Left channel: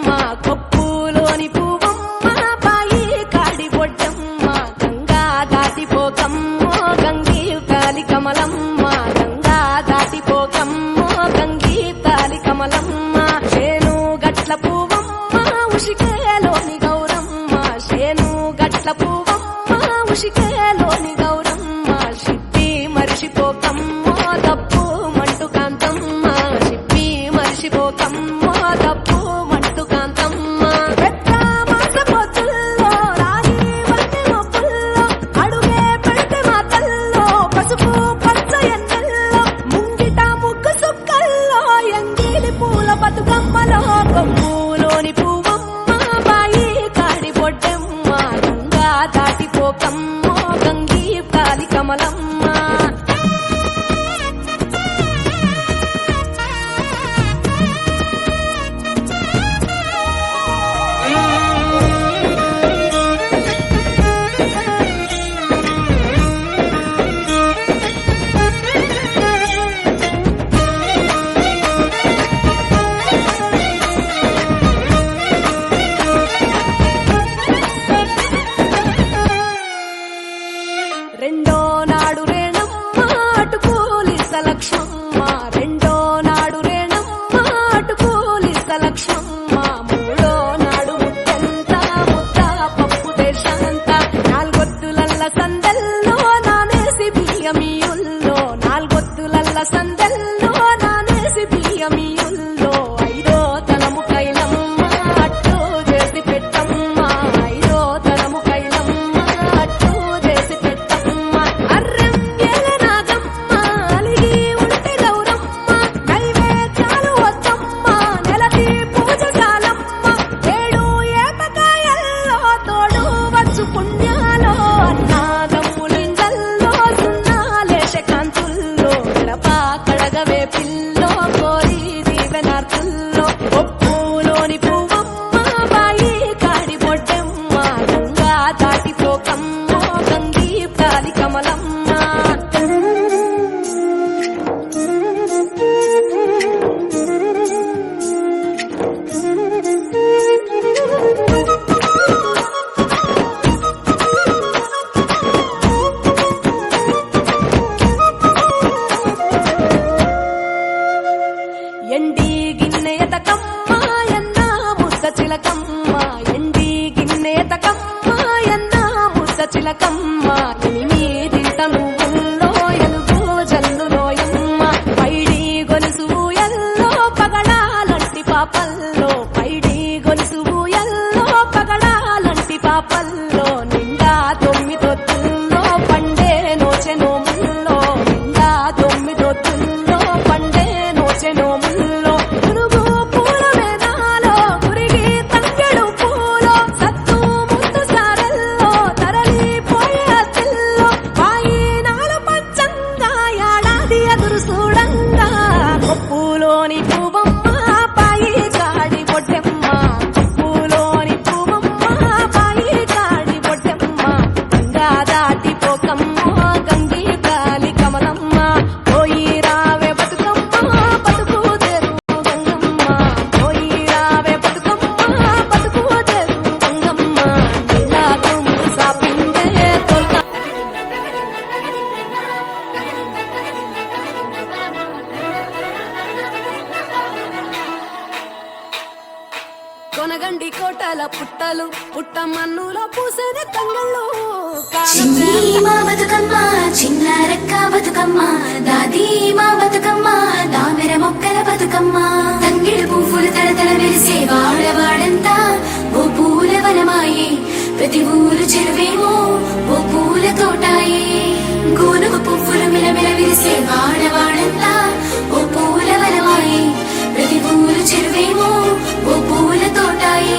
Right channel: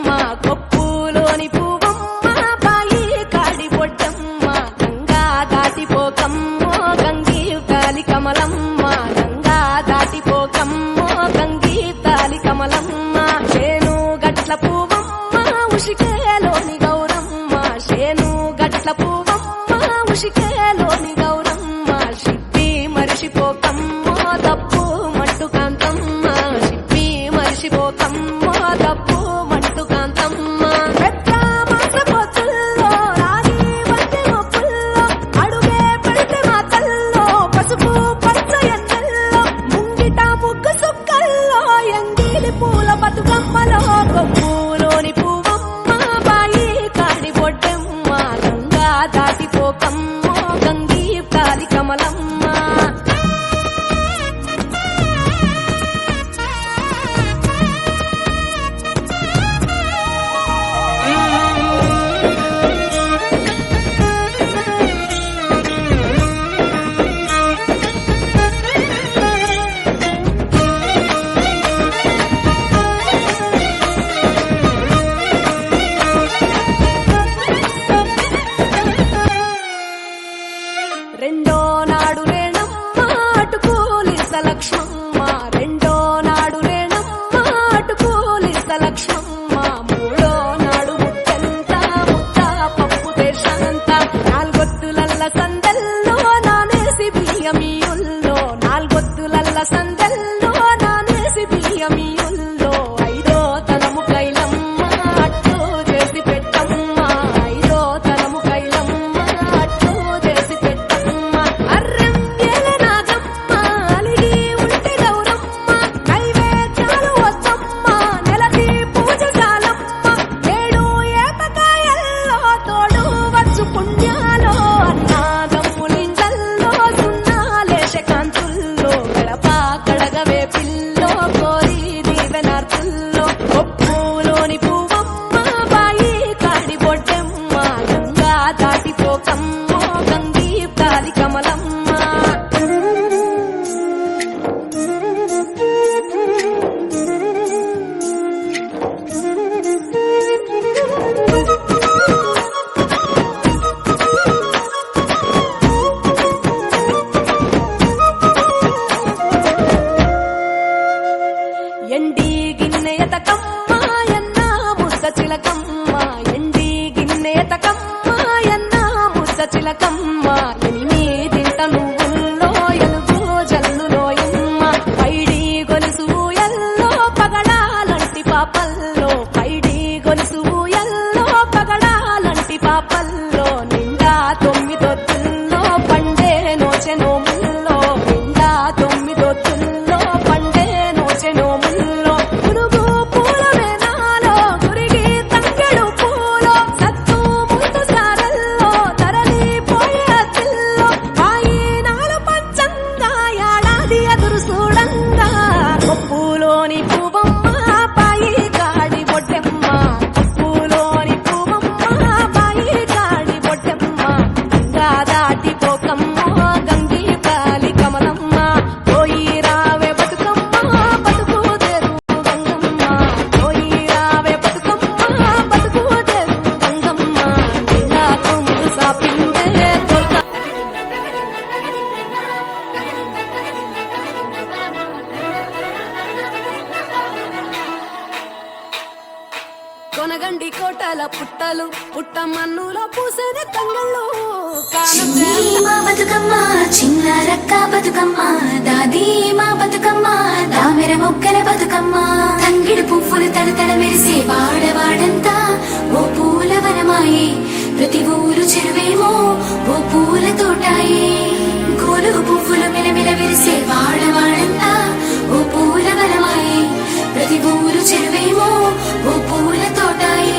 బతుకమ్మ కొప్పులోని పువ్వమ్మ బాయి కాడి బొడ్డమ్మ గంగా దాటిపోకమ్మో గంగీ తాలి కమలమ్మ గంగా దాటిపోకమ్మో గంగీ తాలి కమలమ్మ శేను గట్ల పువ్వమ్మ ఉషికేలోని గౌరమ్మ శేను గట్ల పువ్వమ్మ ఉషికేలోని గౌరమ్మ సిప్పి మరిషిపోకమ్మో దప్పు మంటు కాంతమ్మ సిప్పి మరిషిపోకమ్మో దప్పు మంటు కాంతమ్మ పెద్ద మాస పొత్తుల్లో రాగి వంటి మొప్పుల్లో అడుగే పెడితే మా తల్లో పసుపు పచ్చ ఎన్నెల్లో ముంగిట ముగ్గు సుక్కల్లో ఎంగిలి పూల బతుకమ్మలో కొప్పులోని పువ్వమ్మ బాయి కాడి బొడ్డమ్మ గంగా దాటిపోకమ్మో గంగీ తాలి కమలమ్మ రెండో నాడు రేణమ్మ అటుకూలిస్త లక్ష్మమ్మ రెండో నాడు రేణమ్మ అటుకూలిస్త లక్ష్మమ్మ మూడో నాడు ముత్యంత ముద్ద పప్పు దేశంత నాలుగొత్తులల్ల సందెల్లో నానేసి బియ్యమియుల్లో నాలుగొత్తులల్ల సందెల్లో నానేసి బియ్యమియుల్లో ఐదో తనము కైలమ్మ అట్టు చేసి పెట్టమ్మ ఐదో తనము కైలమ్మ అట్టు చేసి పెట్టమ్మ అర్రం ఏల నాగమ్మ అలిగి ఉంటే గౌరమ్మ నైవేద్యాలు వద్దమ్మ నెలకి పూజ చాలమ్మ ఏడు ఏపకాయల్లో తోడు వచ్చు పుణ్యాలో అన్నాదమ్ములింగల్లో సున్నాలేశ కాంతుల్లో గడప కడగవే పిల్లో కోరి దీవెనార్తుల్లో కొప్పులోని పువ్వమ్మ బాయి కాడి బొడ్డమ్మ గంగా దాటిపోకమ్మో గంగీ తాలి కమలమ్మ ఎండి గిన్నెయతకమ్మ ఎన్న ముద్ద చిలకమ్మ ఎండి గిన్నెయతకమ్మ ఎన్న ముద్ద చిలకమ్మ ఎనిమిదింట నువ్వుల్లో ఎలుగు జల్లులోయమ్మ పైడి గొలుసు ఎల్లో పగడాలంటి పాపల్లో పైడి గొలుసు ఎల్లో పగడాలంటి పాపల్లో నిండా తొమ్మిదొత్తుల్లో పండే నోచె నోముల్లో నిండా తొమ్మిదొత్తుల్లో పండే నోచె నోముల్లో పునుగు పూల మేనాలో గురిగి తంగెడు పూలో సత్తు ముందు సారల్లో తరలిపోయే అతిల్లో పాయినాలు పంచంగా ఏడాది ఎదురు చూడంగా కొప్పులోని పువ్వమ్మ పాయి కాడి బొడ్డమ్మ కొప్పులోని పువ్వమ్మ పాయి కాడి బొడ్డమ్మ గంగా దాటిపోకమ్మో గంగీ తాలి కమలమ్మ పోయి రావే బతుకమ్మ బతుకు తెరు గంగమ్మ పోయి రావే బతుకమ్మ బతుకు తెరు గంగమ్మ నీలా కుంగు సాపిందే తోల్క కొనగండి కోటల పుట్టలు పుట్టమన్నులో పూసేది తంగళ్ళు మా బతుకమ్మ చిన్న రక్క బతుకమ్మ దాది మా బతుకమ్మ దామెర మొగ్గల బతుకమ్మ తంగిడి పువ్వులు తడతడ వెలిసే వాడవాడంతా ఓ పూల వనమాయే ప్రతి ఊరు చెరువేమో ఓ పూల తోటాయే గోరు పువ్వులు మెలమెల వెలిసే వాడవాడంతా ఓ పూల వనమాయే ప్రతి ఊరు చెరువేమో ఓ పూల తోటాయే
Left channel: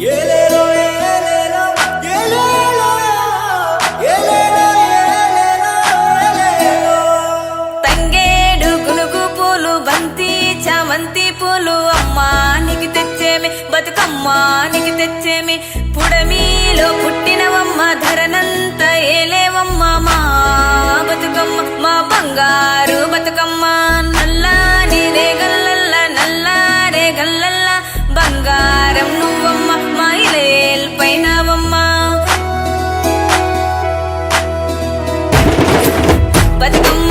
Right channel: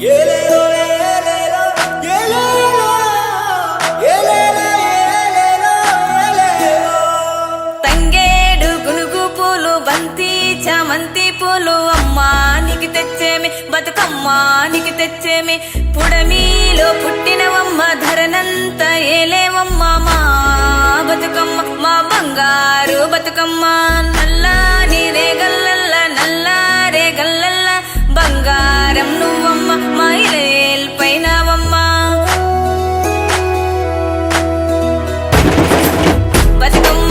ఏలేలో ఏలేలో ఏలేలో ఏలేలో ఏలేలో ఏలేలో. తంగేడు గునుగు పూలు బంతి చామంతి పూలు అమ్మా నీకు తెచ్చేమి బతుకమ్మా నీకు తెచ్చేమి పుడమిలో పుట్టినవమ్మ ధరనంత ఏలేవమ్మ మా బతుకమ్మ మా బంగారు బతుకమ్మ నల్లాని రేగల్లల్ల నల్లారే గల్లల్ల బంగారం నువ్వమ్మ మా ఇలేల్ పైనవమ్మ బతుకమ్మ